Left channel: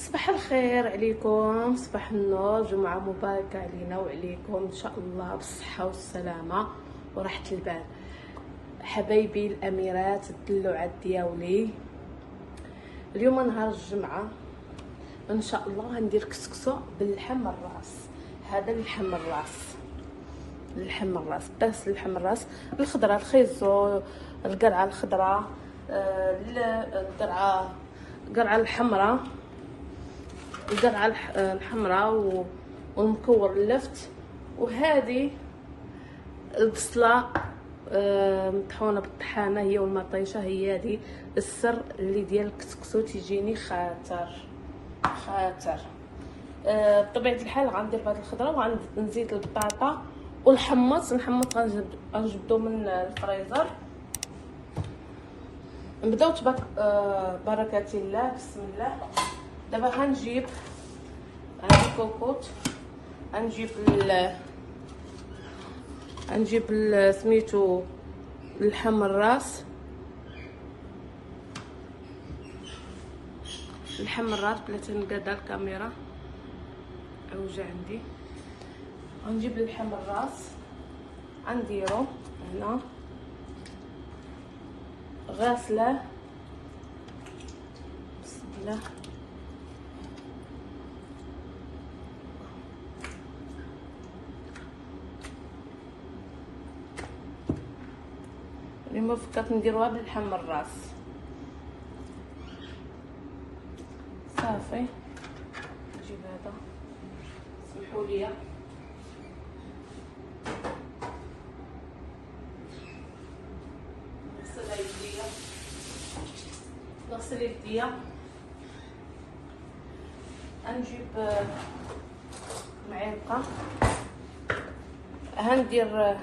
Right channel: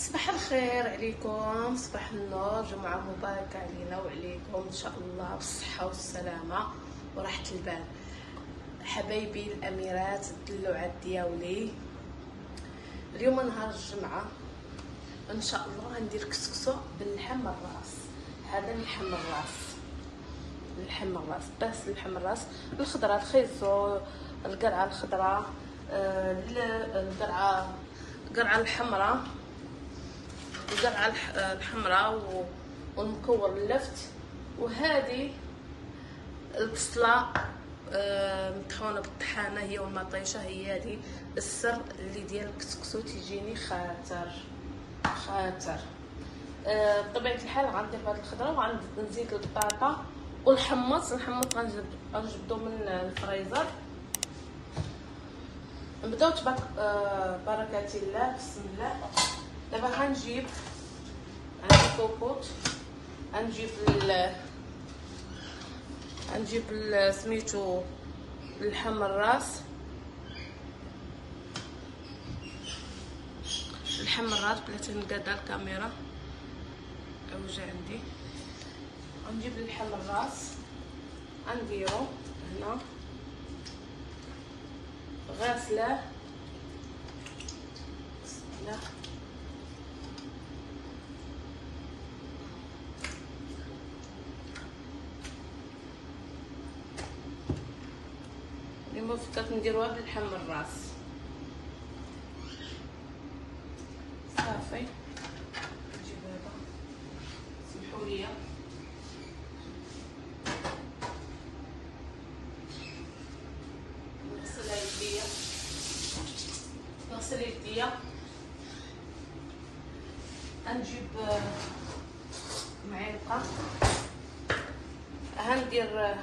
صباح الخير عليكم، صباح النور، جمعة مباركة علينا وعليكم ان شاء الله بالصحة والسلامة وراحة البال. حبايبي الاميرات الدلوعات ديالي، اليوم نهار الجمعة ان شاء الله غندير كسكسو باللحم الراس. هذا اللحم الراس، اللحم الراس بس اللحم الراس، الخضرة الخيزو، القرعة الخضراء، القرعة الحمراء، القرعة الحمراء والمكور اللفت، وهذه البصلة مطحونة بالطحانة هي والمطيشة. هي هذه السر اللي ديال الكسكسو تيجيني خاطر بطبيعة الحال غندير هاد الخضرة وغنزيد البطاطا والحمص. غنجبدو من الفريزر. نبداو بركة الله، بسم الله. دابا غنجيب الكوكوط، غنجيب سميتو اللحم الراس، بلاتي نقادا الكاميرا اوجع عندي. غنجيب اللحم الراس غنديرو هنا غاسله، بسم الله. اليوم فكرت نديروها باللحم الراس صافي. نجيب هذا، سمحوا لي نغسل يديا. غنجيب معلقه، غندير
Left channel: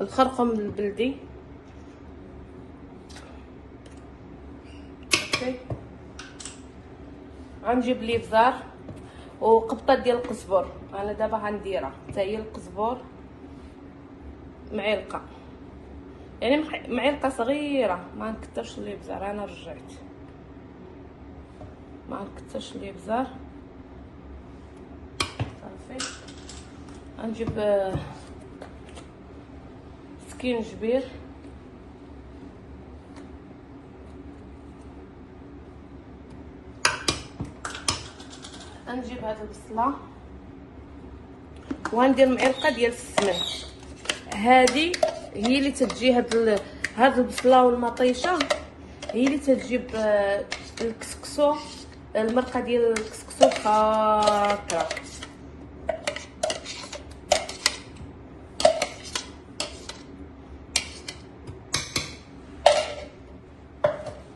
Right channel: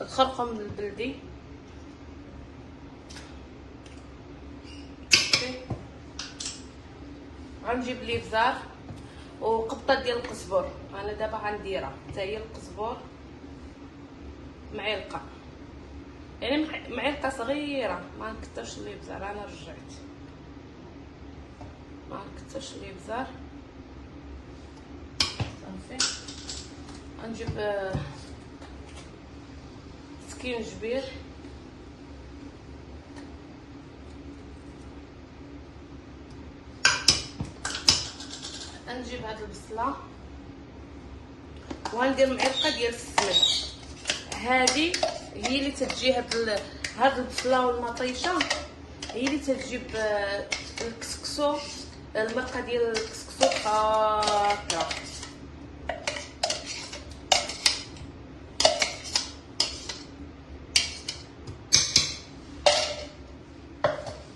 الخرقوم البلدي، غنجيب الابزار وقطه ديال القزبر. انا دابا غنديرها حتى هي القزبر، معلقه، يعني معلقه صغيره، ما نكثرش الابزار. انا رجعت ما نكثرش الابزار صافي. غنجيب سكينجبير، غنجيب هاد البصله وغندير معلقه ديال السمن. هذه هي اللي تتجي هاد البصله والمطيشه، هي اللي تجيب الكسكسو، المرقه ديال الكسكسو خاطره.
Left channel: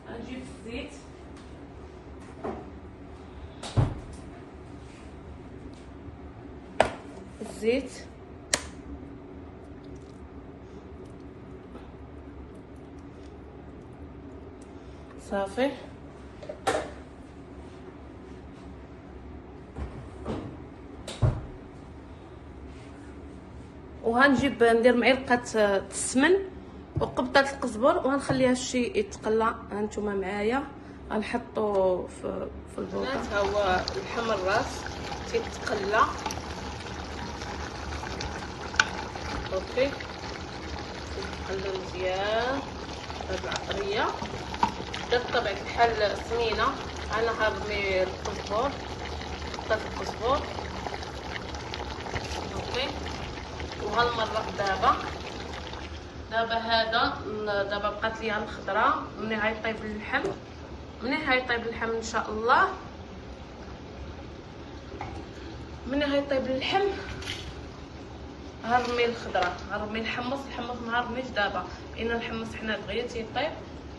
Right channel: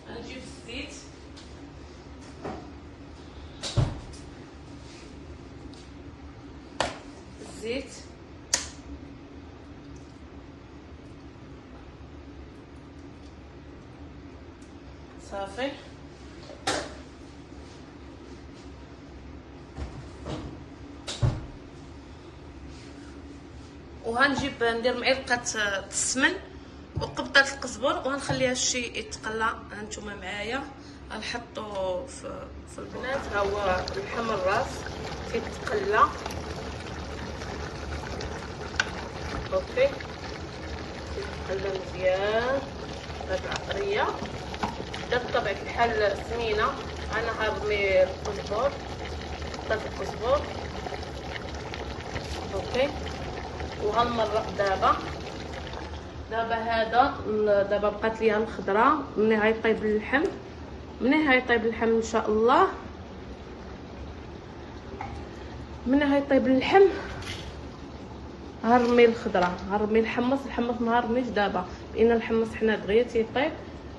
غنجيب الزيت، صافي. وغنجيب ندير معلقه السمن وقبضه القزبر وغنخليها شي يتقلى. هانتوما معايا غنحطو في البوطه. ها هو اللحم الراس كيتقلى، اوكي، كيتقلى مزيان. هاد العطريه بدات بطبيعه الحال سمينه. انا غنرمي القزبر، اوكي، وغنمرق دابا هذا. دابا بقات ليا الخضره. ملي غيطيب اللحم ان شاء الله، غنرمي الخضره، غنرمي الحمص ما غنرميش دابا، لان الحمص حنا دغيا تيطيب.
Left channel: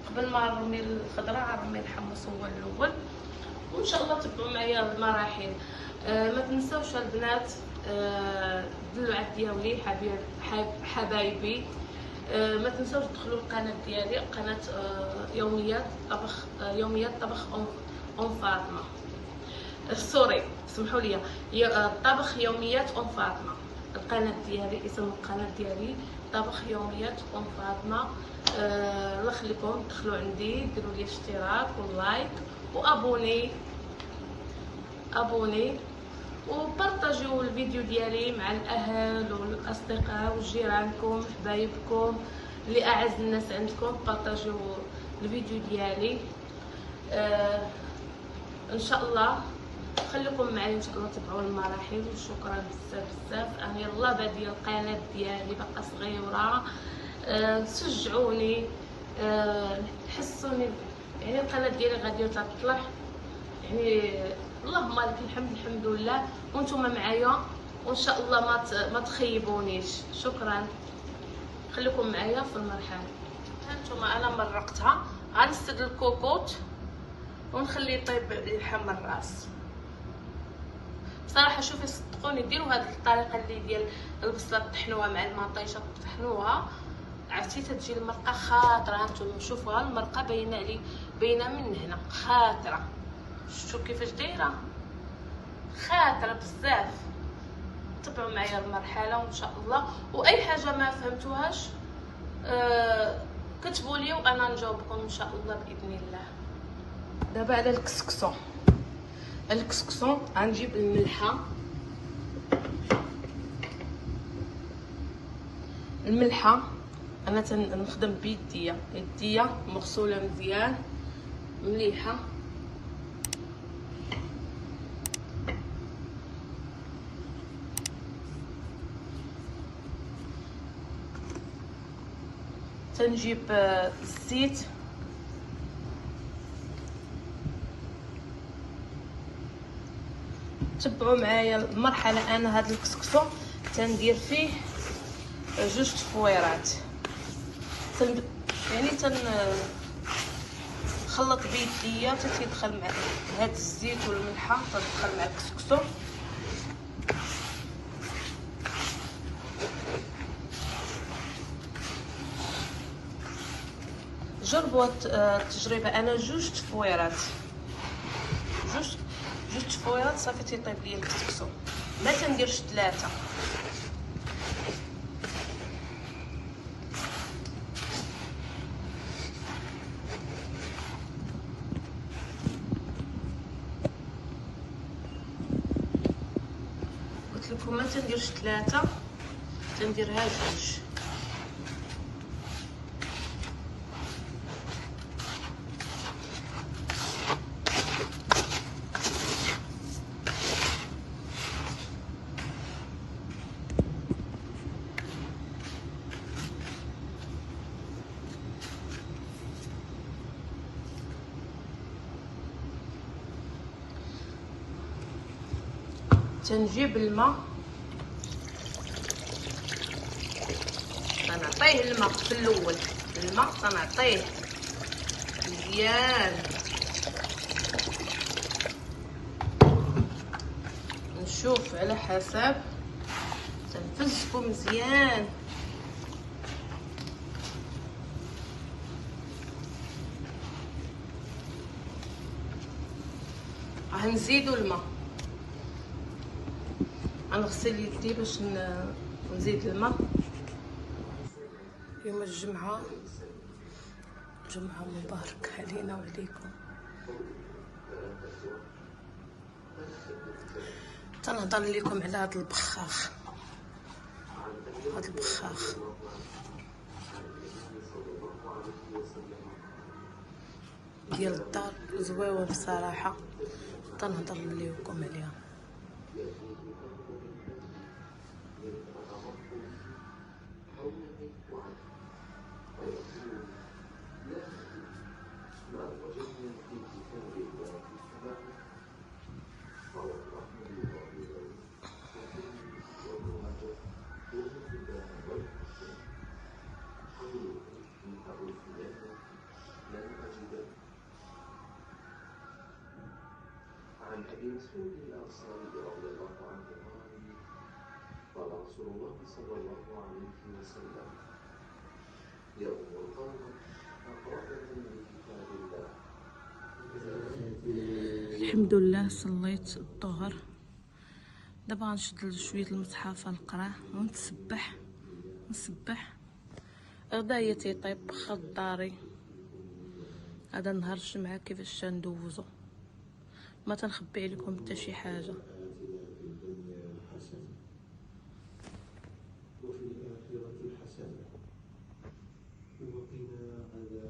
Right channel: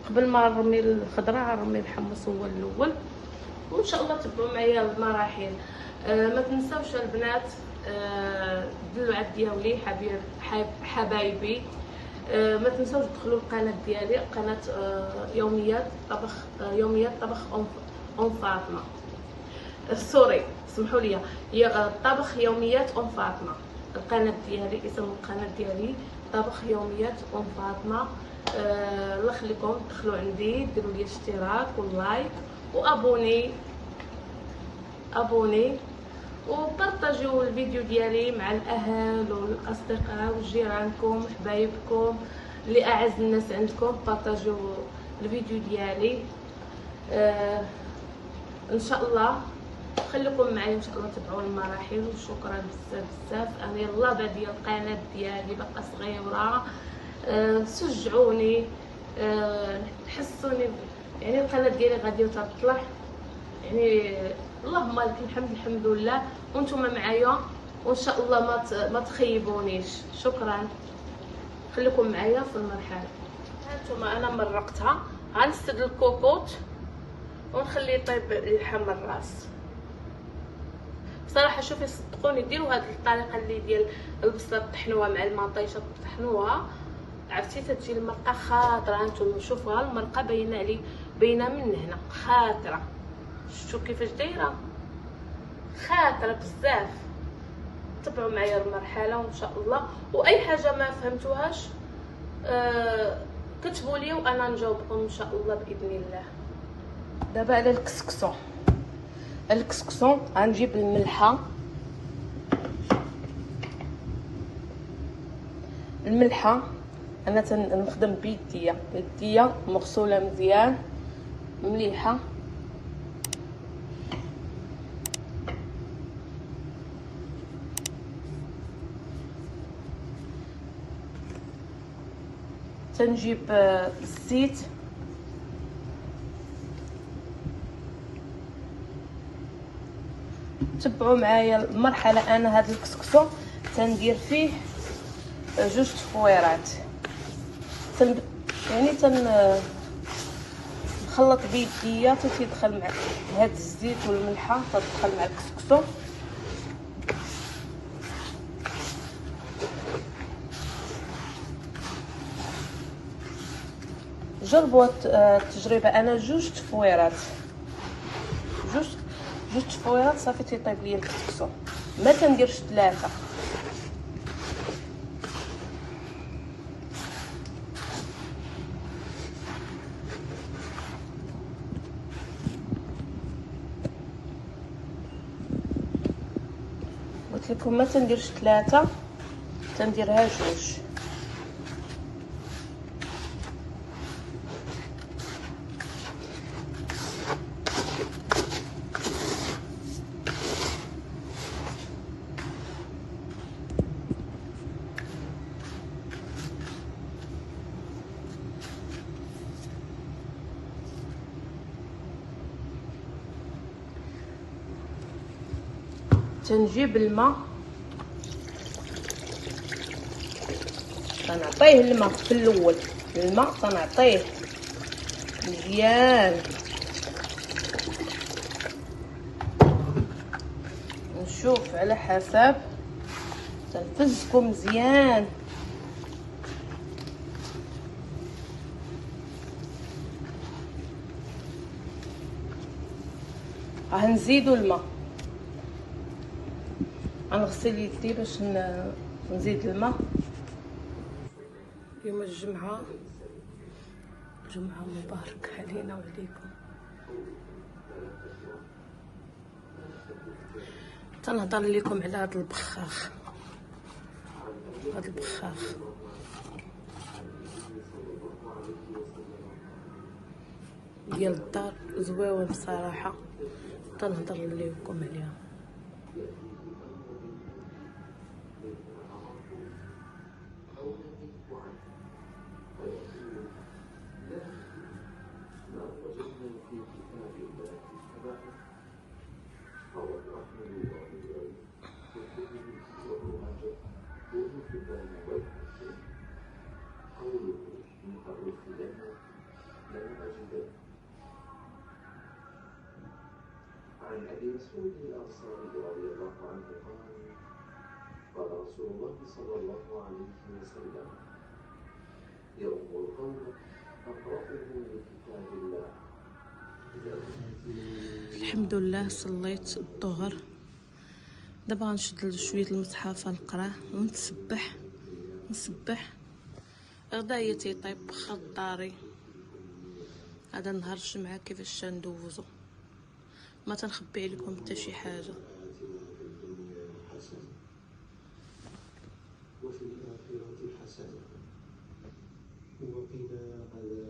قبل ما نرمي الخضره غنرمي الحمص هو الاول. وان شاء الله تبعوا معايا المراحل. ما تنساوش البنات الدلوعات ديالي، حبايبي، ما تنساوش تدخلوا القناه ديالي، قناه يوميات طبخ ام فاطمه. سوري، سمحوا لي، طبخ يوميات ام فاطمه. القناه ديالي، اسم القناه ديالي طبخ يوميات ام فاطمه. الله يخليكم، دخلوا عندي، ديروا لي اشتراك ولايك ابوني وبارطاجيو الفيديو ديالي مع الاهل والاصدقاء وجيرانكم حبايبكم اللي اعز الناس عندكم. بارطاجيو الفيديو ديالي. ان شاء الله خليكم معايا، ان شاء الله تبعوا المراحل. وشكرا بزاف. انا يلا باديه القناه ديالي باقا صغيره، تشجعوني، تحسوني يعني القناه ديالي غادي تطلع يعني. اللهم لك الحمد لله، وانتم معايا وان شاء الله ما تخيبونيش. شكرا، خليكم معايا في المرحله. هانتوما انا مرقتها، غنسد الكوكوط ونخليه يطيب يحمر الراس. بصراحه شوفي صدقوني ديروا هذه الطريقه اللي ديال البصله طحنوها مع المطيشه طحنوها، عرفتي تتجي المرقه خاطره. هانتوما شوفوها المرقه باينه من هنا خاطره. شفتوا كيفاش دايره خاطره بزاف. تبعوا معايا المرحله وان شاء الله. واي حاجه ما فهمتوهاش كتبوا لي وانا نجاوبكم ان شاء الله باذن الله. دابا على الكسكسون غنجيب الملحه. انا تنخدم بيديا مغسوله مزيان مليحه. تنجيب الزيت، تبعوا معايا المرحله. انا هذا الكسكسو تندير فيه 2 تفويرات، يعني نخلط بيديا تيدخل مع هذا الزيت والملحه، تدخل مع الكسكسو. جربوا التجربه. انا 2 تفويرات صافي تيطيب لي الكسكسو، ما تنديرش 3. قلت لكم ما تنديرش 3، تنديرها 2. تنجيب الماء، تنعطيه الماء في الاول. الماء تنعطيه مزيان، نشوف على حسب، تنفزكو مزيان. غنزيدو الماء، غنغسل يدي باش نزيد الماء. اليوم الجمعة مبارك علينا وعليكم. تنهضر لكم على هذا البخاخ ديال الدار، زويون بصراحة، تنهضر لكم عليها. عن ابي مسعود الانصاري رضي الله عنه قال رسول الله صلى الله عليه وسلم يؤمر القوم اقرأهم بكتاب الله. الحمد لله صليت الظهر، دابا غنشد شويه المصحف نقراه ونتسبح غدايا تيطيب خضاري. هذا نهار الجمعه كيفاش ندوزو. ما تنخبي عليكم حتى شي حاجه. آتنا في الدنيا حسنة وفي الآخرة حسنة وقنا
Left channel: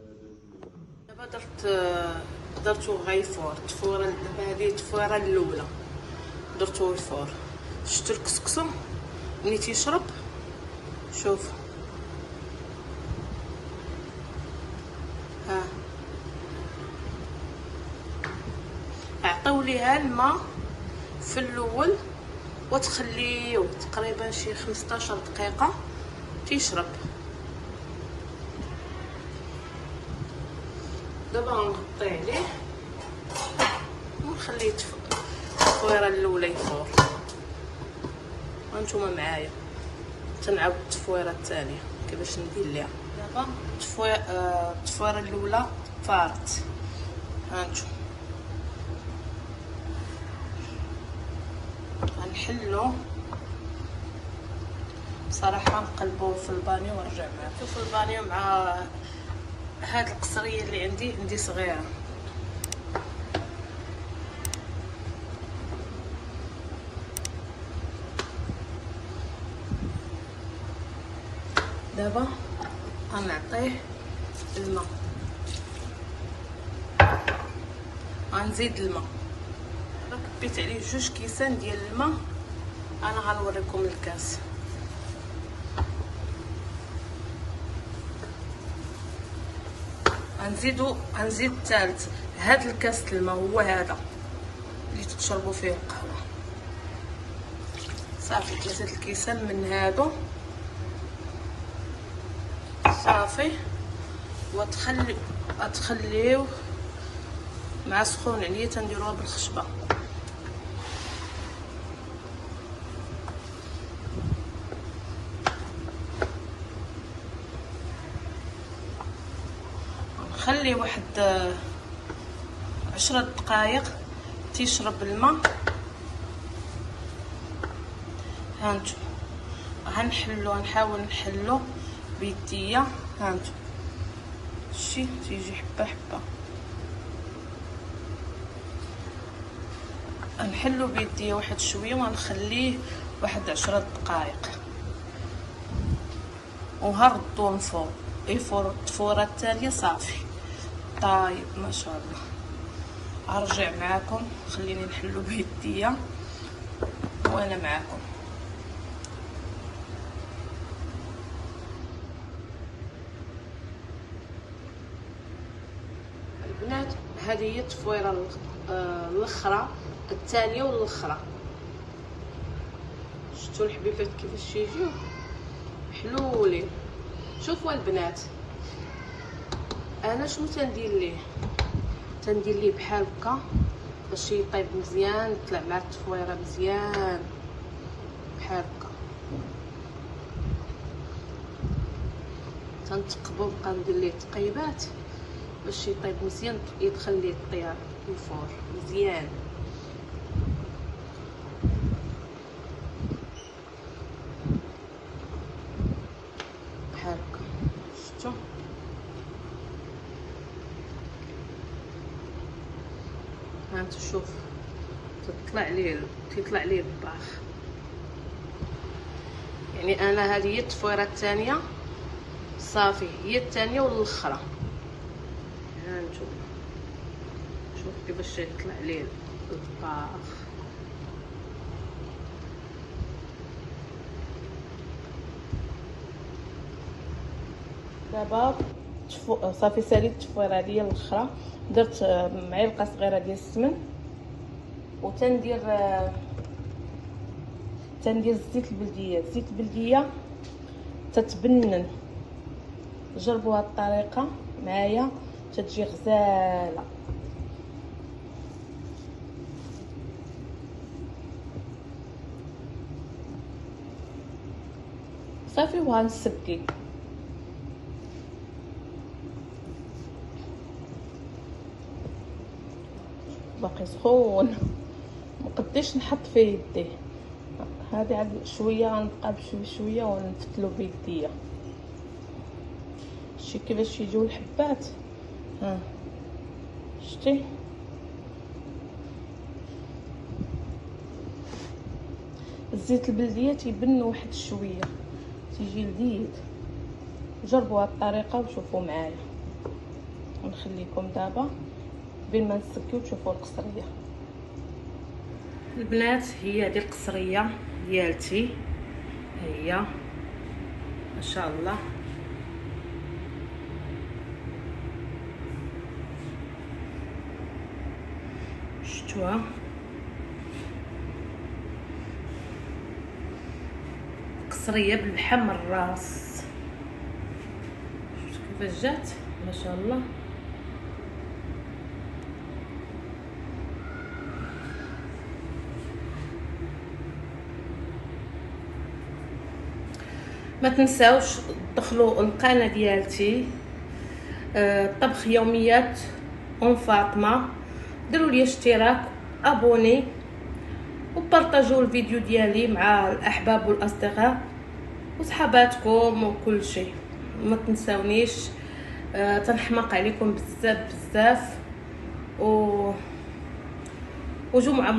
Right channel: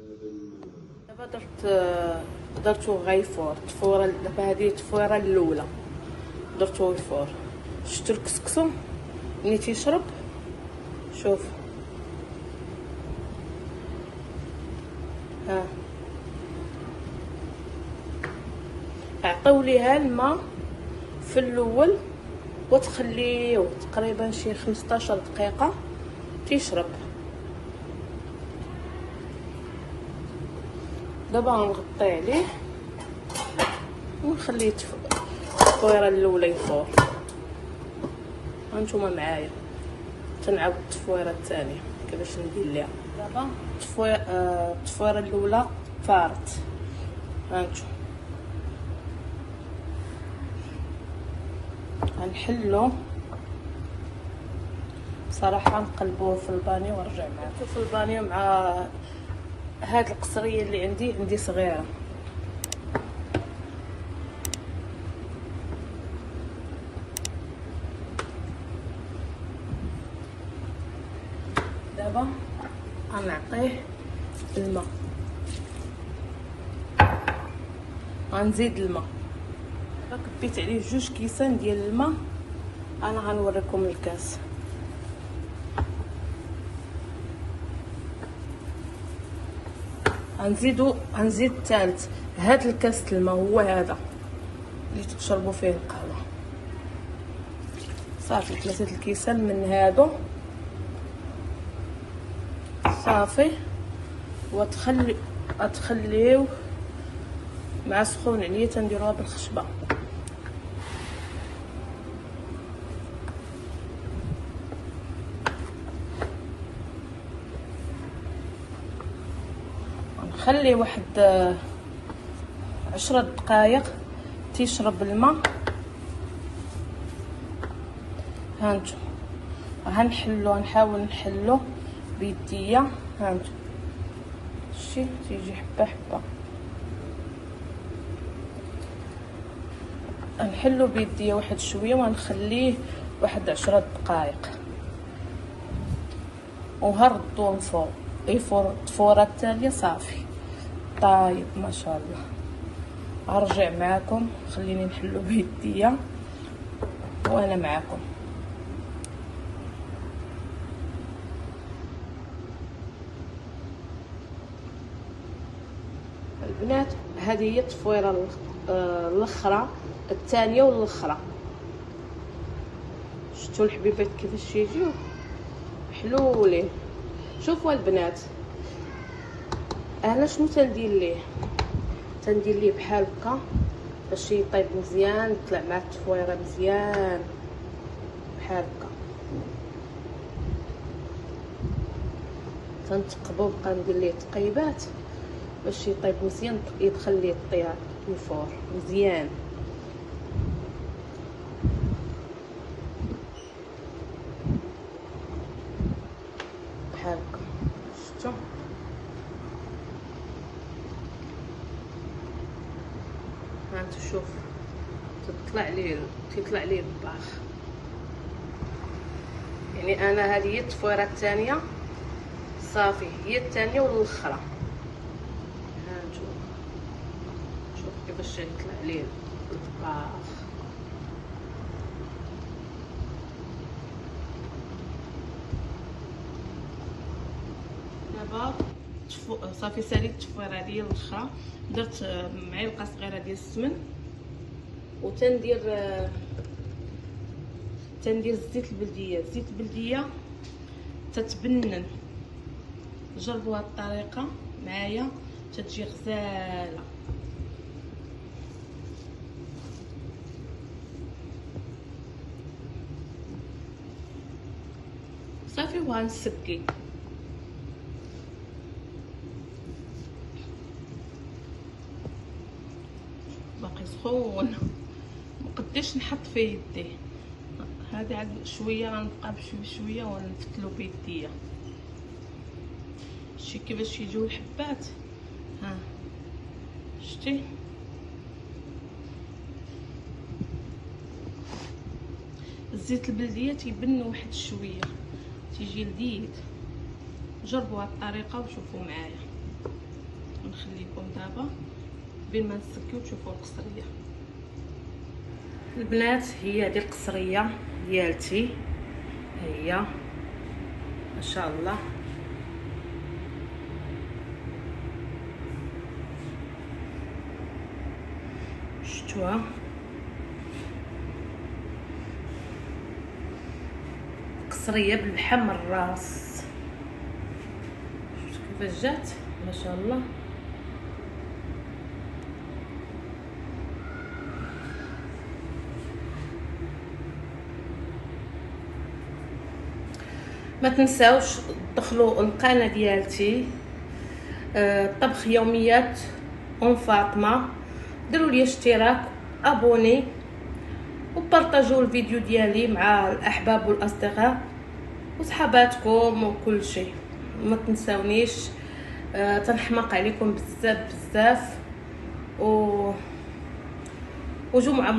عذاب النار. دابا درتو غيفور الطفوره. دابا هذه الطفوره الاولى درتو غيفور. شفتوا الكسكسو ملي تيشرب؟ شوف ها، عطيو ليها الماء في الاول وتخليوه تقريبا شي 15 دقيقه تيشرب. دابا غنغطي عليه ونخليه التفويره الاولى يفور. هانتوما معايا تنعاود التفويره الثانيه كيفاش ندير ليها. دابا التفويره الاولى فارت. هانتو غنحلو بصراحه نقلبوه في البانيو ونرجع معكم في البانيو مع هاد القصريه اللي عندي صغيره. دابا غنعطيه الماء، غنزيد الماء. دابا كبيت عليه 2 كيسان ديال الماء. انا غنوريكم الكاس. غنزيد الثالث. هاد الكاس الماء هو هذا اللي تشربوا فيه القهوه. صافي 3 الكيسان من هادو صافي. وتخليوه مع سخون عليه. تنديروها بالخشبه. نخلي واحد 10 دقائق تيشرب الماء. هانتو غنحاول نحلو بيديا. هانتو شتي تيجي حبه حبه. نحلو بيديا واحد شويه ونخليه واحد 10 دقائق وهردو من فوق. يفور الطفوره التاليه صافي طايب ما شاء الله. ارجع معكم، خليني نحلو بيديا وانا معكم. البنات هذه هي التفويره الاخرى الثانيه والاخرى. شفتوا الحبيبات كيفاش تيجيو حلولين. شوفوا البنات انا شنو تندير ليه بحال هكا باش يطيب مزيان، يطلع مع التفويره مزيان بحال هكا. تنتقبو بقى ندير ليه تقيبات باش يطيب مزيان، يدخل ليه الطياب الفور مزيان. بحال هكا شفتوا. هانتو شوف تيطلع ليه الباخ. يعني انا هذه هي التفويره الثانيه صافي، هي الثانيه والاخرى. هانتو شوف كيفاش يطلع ليه الطباخ. دابا صافي ساليت التفويره ديال الاخرى. درت معلقه صغيره ديال السمن وتندير زيت البلديه تتبنن. جربوا هاد الطريقه معايا تتجي غزاله. صافي وغنسكي. باقي سخون مقديش نحط فيه يديه. هذا عاد شويه غنبقى بشويه ونفتلو بيديا. شتي كيفاش يجيو الحبات. ها شتي الزيت البلديه تيبن واحد شويه، تيجي لذيذ. جربوا هاد الطريقه وشوفوا معايا. ونخليكم دابا بين ما نسكيو تشوفوا القصريه. البنات هي هذه القصريه ديالتي، هي ما شاء الله. شفتوها؟ قصريه باللحم الراس، شفتوا كيفاش جات؟ ما شاء الله. ما تنساوش تدخلوا القناه ديالتي طبخ يوميات ام فاطمه، ديروا لي اشتراك، ابوني، وبارطاجوا الفيديو ديالي مع الاحباب والاصدقاء وصحاباتكم وكل شيء. ما تنساونيش، تنحماق عليكم بزاف بزاف، وجمعه